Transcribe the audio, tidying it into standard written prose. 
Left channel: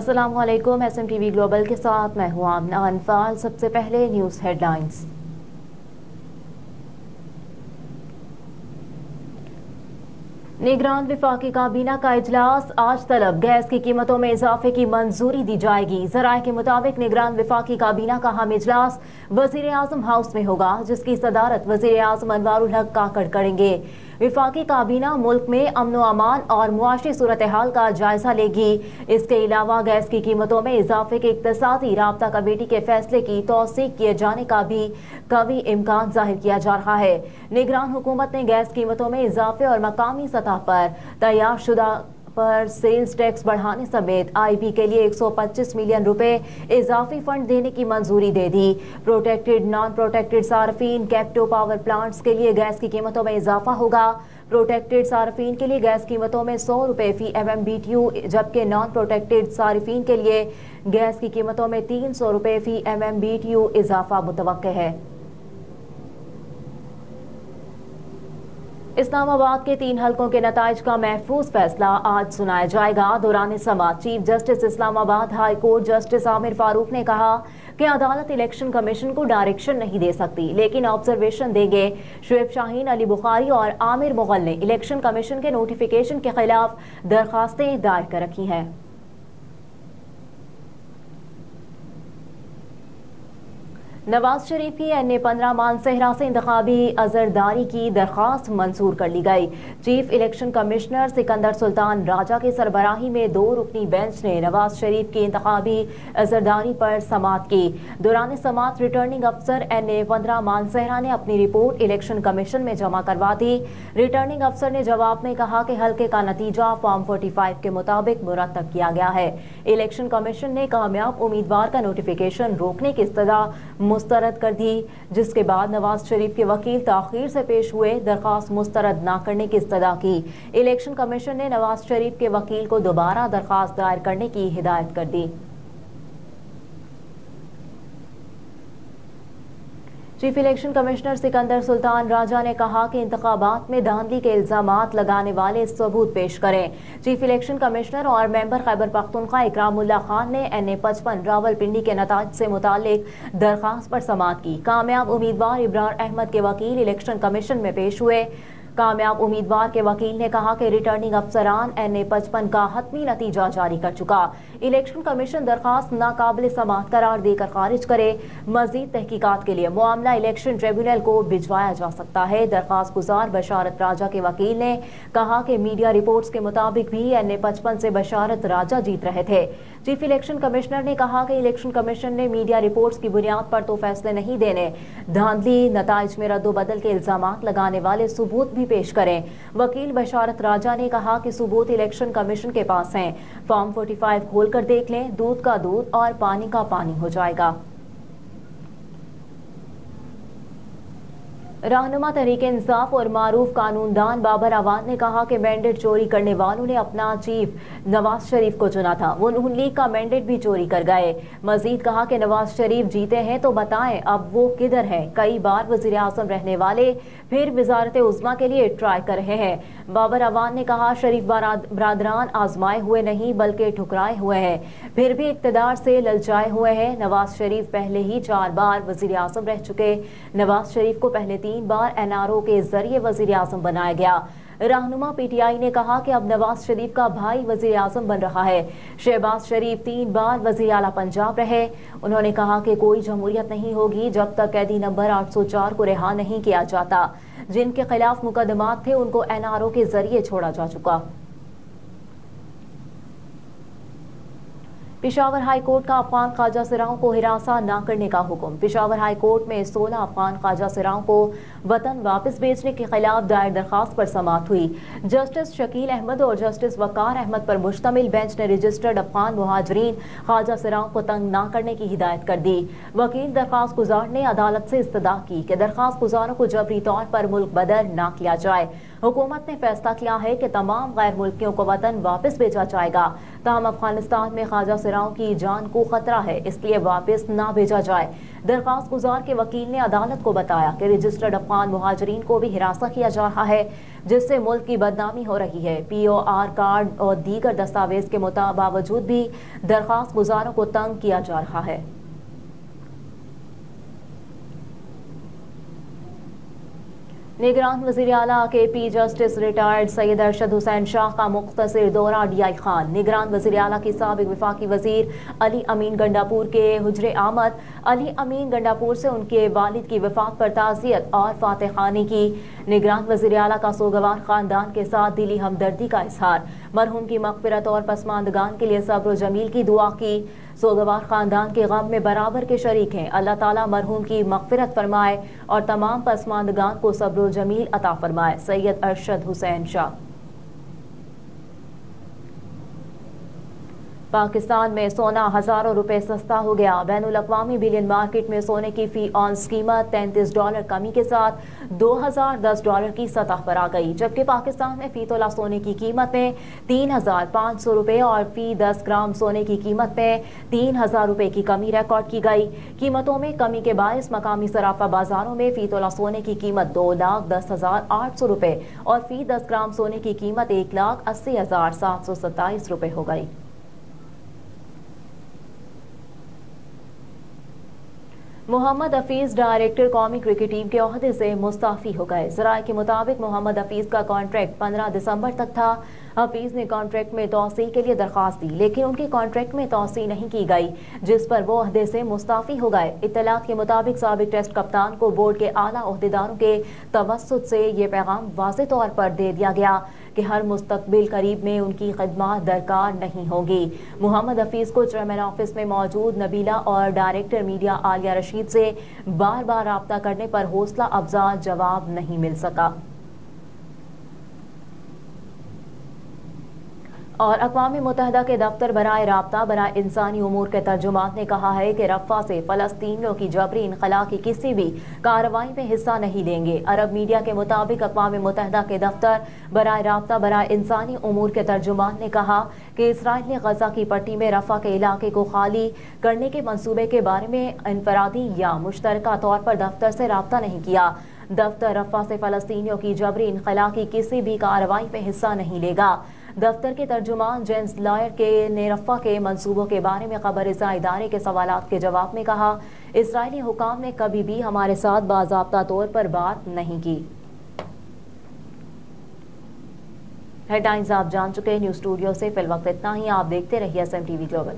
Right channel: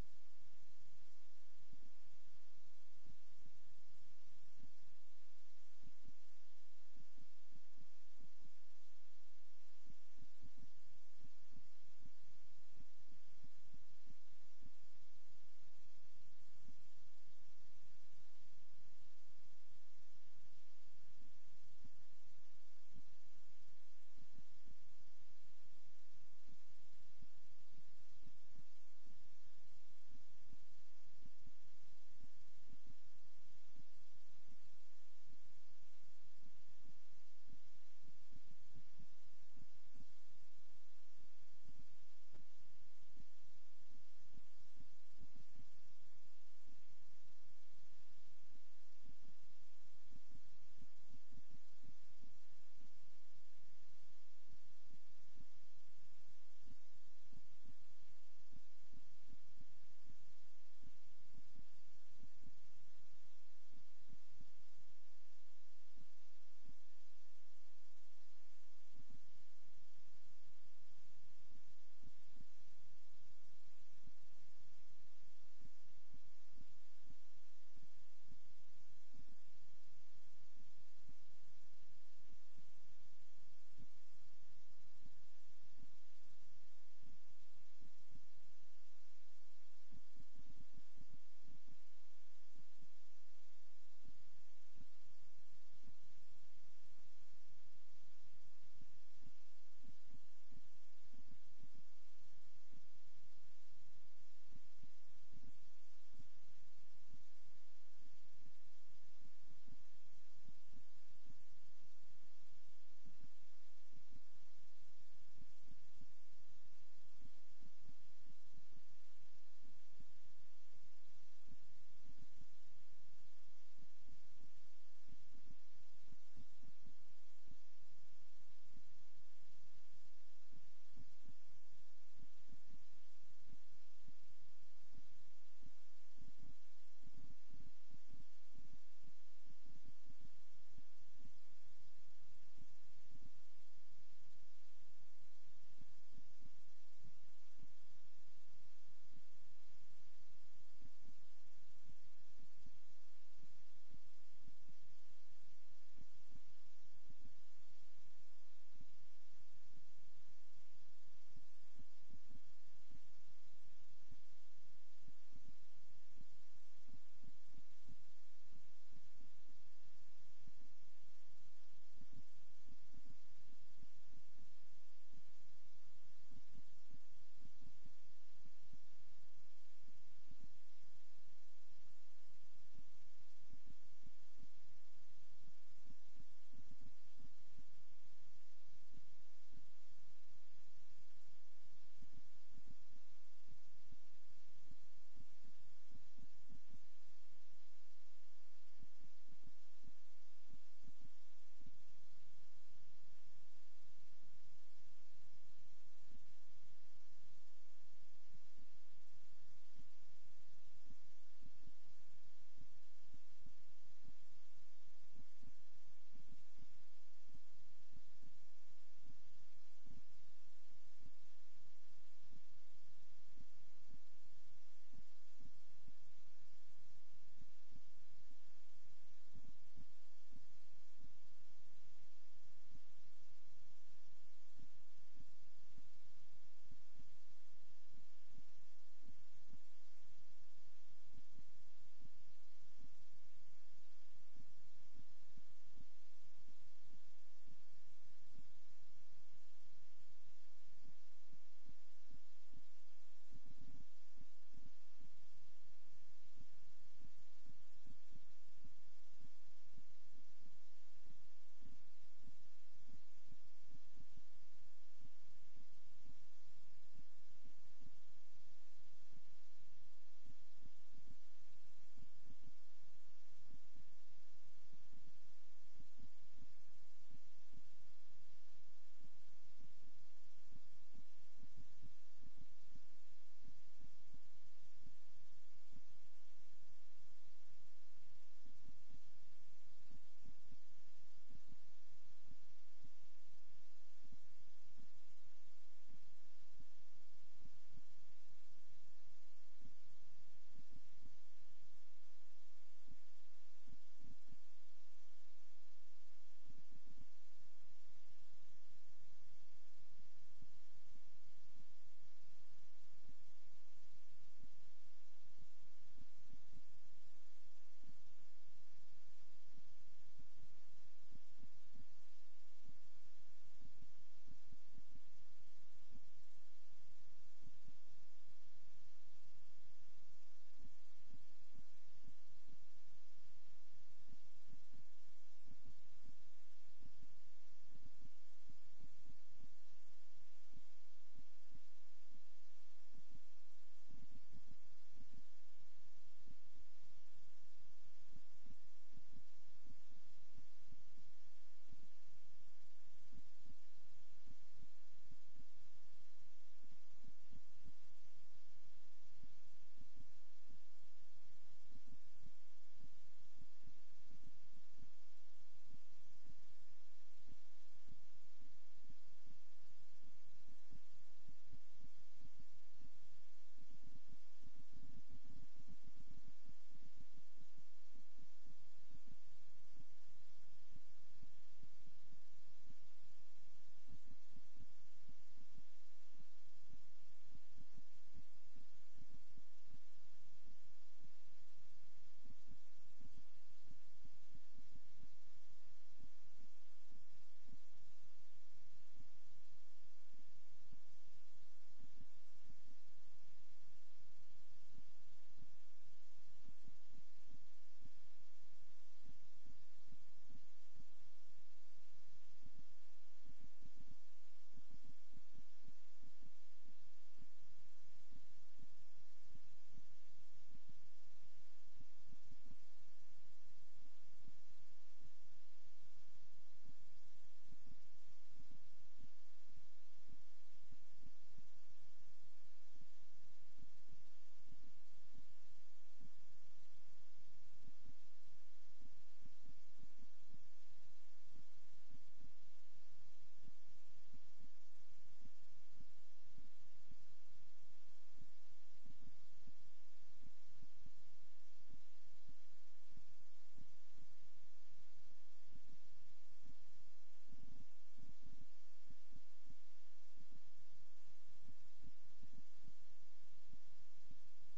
अस्सलामुअलैकुम। SMTV global के साथ मैं हूं आमना अनफाल। सबसे पहले न्यूज़ हेडलाइंस। निगरान वफाकी काबीना का इजलास आज तलब। गैस की कीमतों में इजाफे की मंजूरी दी जाएगी। जराये के मुताबिक निगरान वफाकी काबीना का हम इजलास वजीर आजम हाउस में होगा, जिसकी सदारत वजीर आजम अनवारुल हक काकड़ करेंगे। वफाकी काबीना मुल्क में अमन व अमान और मुआशी सूरत हाल का जायजा लेगी। इसके अलावा गैस की कीमतों में इजाफे के इक्तसादी राब्ता कमेटी के फैसले की तौसीक किए जाने का भी कभी इम्कान जाहिर किया जा रहा है। निगरान हुकूमत ने गैस कीमतों में इजाफे और मकामी सतह पर तैयार शुदा पर सेल्स टैक्स बढ़ाने समेत IB के लिए 125 मिलियन रुपए इजाफी फंड देने की मंजूरी दे दी। प्रोटेक्टेड नॉन प्रोटेक्टेड सार्फिन कैप्टिव पावर प्लांट्स के लिए गैस की कीमतों में इजाफा होगा। प्रोटेक्टेड सार्फिन के लिए गैस कीमतों में 100 रुपए फी MMBTU, जबकि नॉन प्रोटेक्टेड सार्फिन के लिए गैस की कीमतों में 300 रुपए फी MMBTU इजाफा मुतवक्के है। इस्लामाबाद के 3 हलकों के नताइज का महफूज फैसला आज सुनाया जाएगा। दौरान समाअत chief justice Islamabad high court justice Aamir Farooq ने कहा कि अदालत इलेक्शन कमीशन को डायरेक्शन नहीं दे सकती, लेकिन ऑब्जर्वेशन देंगे। शुएब शाहीन, अली बुखारी और आमिर मुगल ने इलेक्शन कमीशन के नोटिफिकेशन के खिलाफ दरखास्तें दायर कर रखी हैं। नवाज शरीफ की NA-15 मानसहरा से इंतखाबी अजरदारी की दरखास्त मंजूर कर ली गई। Chief election commissioner Sikandar Sultan Raja की सरबराही में 2 रुकनी बेंच ने नवाज शरीफ की इंतखाबी अजरदारी पर समाअत की। दौरान समाअत रिटर्निंग अफसर NA-15 मानसहरा ने अपनी रिपोर्ट इलेक्शन कमीशन में जमा करवा दी। रिटर्निंग अफसर ने जवाब में कहा कि हल्के का नतीजा फॉर्म 45 के मुताबिक मुरतब किया गया है। इलेक्शन कमीशन ने कामयाब उम्मीदवार का नोटिफिकेशन रोकने की इस्तदा मुस्तरद कर दी, जिसके बाद नवाज शरीफ के वकील ताखीर से पेश हुए। दरखास्त मुस्तरद न करने की इस्तदा की। इलेक्शन कमीशन ने नवाज शरीफ के वकील को दोबारा दरखास्त दायर करने की हिदायत कर दी। Chief election commissioner Sikandar Sultan Raja ने कहा कि इंतखाबात में धांधली के इल्जामात लगाने वाले सबूत पेश करें। चीफ इलेक्शन कमिश्नर और मेंबर खैबर पख्तूनख्वा इकरामुल्लाह खान ने NA-55 रावलपिंडी के नताज से मुतालिक दरखास्त पर समाअत की। कामयाब उम्मीदवार इब्रार अहमद के वकील इलेक्शन कमीशन में पेश हुए। कामयाब उम्मीदवार के वकील ने कहा कि रिटर्निंग अफसरान NA-55 का हतमी नतीजा जारी कर चुका। इलेक्शन कमीशन दरखास्त नाकाबिल समाअत करार देकर खारिज करे। मजीद तहकीकात के लिए मामला इलेक्शन ट्रिब्यूनल को भिजवाया जा सकता है। दरखास्त गुजार बशारत राजा के वकील ने कहा कि मीडिया रिपोर्ट्स के मुताबिक भी NA-55 से बशारत राजा जीत रहे थे। चीफ इलेक्शन कमिश्नर ने कहा कि इलेक्शन कमीशन ने मीडिया रिपोर्ट्स की बुनियाद पर तो फैसले नहीं देने, धांधली नताइज में रद्दोबदल के इल्जामात लगाने वाले सबूत भी पेश करें। वकील बशारत राजा ने कहा कि सबूत इलेक्शन कमीशन के पास हैं। फॉर्म 45 खोलकर देख लें, दूध का दूध और पानी का पानी हो जाएगा। रहनुमा तहरीक इंसाफ और मारूफ कानूनदान बाबर अवान ने कहा कि मैंडेट चोरी करने वालों ने अपना चीफ नवाज शरीफ को चुना था, वो नून लीग का मैंडेट भी चोरी कर गए। मजीद कहा कि नवाज शरीफ जीते हैं तो बताएं अब वो किधर हैं। कई बार वजीर आजम रहने वाले फिर वजारत उज़्मा के लिए ट्राई कर रहे हैं। बाबर अवान ने कहा शरीफ बरादरान आजमाए हुए नहीं बल्कि ठुकराए हुए हैं, फिर भी इक़्तिदार से ललचाए हुए हैं। नवाज शरीफ पहले ही 4 बार वजीर आजम रह चुके। नवाज शरीफ को पहले 3 बार NRO के जरिए वजीर आजम बनाया गया। रहनुमा PTI ने कहा कि अब नवाज शरीफ का भाई वजीर आजम बन रहा है। शहबाज शरीफ 3 बार वजीर आला पंजाब रहे। उन्होंने कहा कि कोई जमहूरियत नहीं होगी जब तक कैदी नंबर 804 को रिहा नहीं किया जाता। जिनके खिलाफ मुकदमात थे उनको NRO के जरिए छोड़ा जा चुका। पेशावर हाई कोर्ट का अफगान ख्वाजा सिराओं को हिरासा न करने का हुक्म। पेशावर हाई कोर्ट में 16 अफगान ख्वाजा सिराओं को वतन वापस भेजने के खिलाफ दायर दरखास्त पर समाअत हुई। जस्टिस शकील अहमद और जस्टिस वकार अहमद पर मुश्तमिल बेंच ने रजिस्टर्ड अफगान मुहाजिरीन ख्वाजा सिराओं को तंग न करने की हिदायत कर दी। वकील दरखास्त गुजार ने अदालत से इस्तदा की कि दरखास्त गुजारों को जबरी तौर पर मुल्क बदर न किया जाए। हुकूमत ने फैसला किया है कि तमाम गैर मुल्कियों को वतन वापस भेजा जाएगा। ताहम अफगानिस्तान में ख्वाजा सिराओं की जान को खतरा है, इसलिए वापस ना भेजा जाए। दरख्वास्त गुजार के वकील ने अदालत को बताया कि रजिस्टर्ड अफगान मुहाजिरीन को भी हिरासत किया जा रहा है, जिससे मुल्क की बदनामी हो रही है। POR कार्ड और दीगर दस्तावेज के बावजूद भी दरख्वास्त गुजारों को तंग किया जा रहा है। निगरान वज़ीर आला KP justice retired Syed Arshad Hussain Shah का मुख्तसर दौरा DI खान। निगरान वज़ीर आला के साबिक वफाकी वज़ीर अली अमीन गंडापुर के हुजरे आमद। अली अमीन गंडापुर से उनके वालिद की वफात पर ताज़ियत और फातह खानी की। निगरान वज़ीर आला का सोगवार खानदान के साथ दिली हमदर्दी का इजहार। मरहूम की मग़फ़िरत और पसमानदगान के लिए सब्र जमील की दुआ की। सोगवार खानदान के गम में बराबर के शरीक हैं। अल्लाह ताला मरहूम की मग़फ़िरत फरमाए और तमाम पसमानदगान को सब्र जमील अता फरमाए। सैयद अरशद हुसैन शाह। पाकिस्तान में सोना हजारों रुपए सस्ता हो गया। बैनुल अक़वामी बिलियन मार्केट में सोने की फी ऑन्स कीमत $33 कमी के साथ $2010 की सतह पर आ गई, जबकि पाकिस्तान में फी तोला सोने की कीमत में $3500 रुपए और फी 10 ग्राम सोने की कीमत में $3000 रुपए की कमी रिकॉर्ड की गई। कीमतों में कमी के बायस मकामी सराफा बाजारों में फी तोला सोने की कीमत 2,10,800 रुपए और फी 10 ग्राम सोने की कीमत 1,80,727 रुपए हो गई। मोहम्मद हफीज डायरेक्टर कौमी क्रिकेट टीम के ओहदे से मुस्ताफी हो गए। ज़राए के मुताबिक मोहम्मद हफीज का कॉन्ट्रैक्ट 15 दिसंबर तक था। हफीज ने कॉन्ट्रैक्ट में तौसी के लिए दरख्वास्त दी, लेकिन उनके कॉन्ट्रैक्ट में तौसी नहीं की गई, जिस पर वो ओहदे से मुस्ताफी हो गए। इत्तलात के मुताबिक साबिक टेस्ट कप्तान को बोर्ड के आला ओहदेदारों के तवस्सुत से ये पैगाम वाज़े तौर पर दे दिया गया कि हर मुस्तकबिल करीब में उनकी खिदमत दरकार नहीं होगी। मोहम्मद हफीज को चेयरमैन ऑफिस में मौजूद नबीला और डायरेक्टर मीडिया आलिया रशीद से बार बार राब्ता करने पर हौसला अफजा जवाब नहीं मिल सका। और अक़वाम मुत्तहिदा के दफ्तर बराए राब्ता बराए इंसानी उमूर के तर्जुमान ने कहा है कि रफ़ा से फ़लस्तीनियों की जबरी इनख़ला की किसी भी कार्रवाई में हिस्सा नहीं लेंगे। अरब मीडिया के मुताबिक अक़वाम मुत्तहिदा के दफ्तर बराए राब्ता बराए इंसानी उमूर के तर्जुमान ने कहा कि इसराइल ने गज़ा की पट्टी में रफ़ा के इलाके को खाली करने के मंसूबे के बारे में इनफरादी या मुश्तरका तौर पर दफ्तर से राब्ता नहीं किया। दफ्तर रफ़ा से फ़लस्तीनियों की जबरी इनख़ला की किसी भी कार्रवाई में हिस्सा नहीं लेगा। दफ्तर के तर्जुमान जेम्स लॉयर के ने रफ़ा के मंसूबों के बारे में खबरसां इदारे के सवालात के जवाब में कहा, इसराइली हुकाम ने कभी भी हमारे साथ बाज़ाब्ता तौर पर बात नहीं की। हेडलाइंस आप जान चुके हैं। न्यूज़ स्टूडियो से फिलवक्त इतना ही। आप देखते रहिए SMTV ग्लोबल।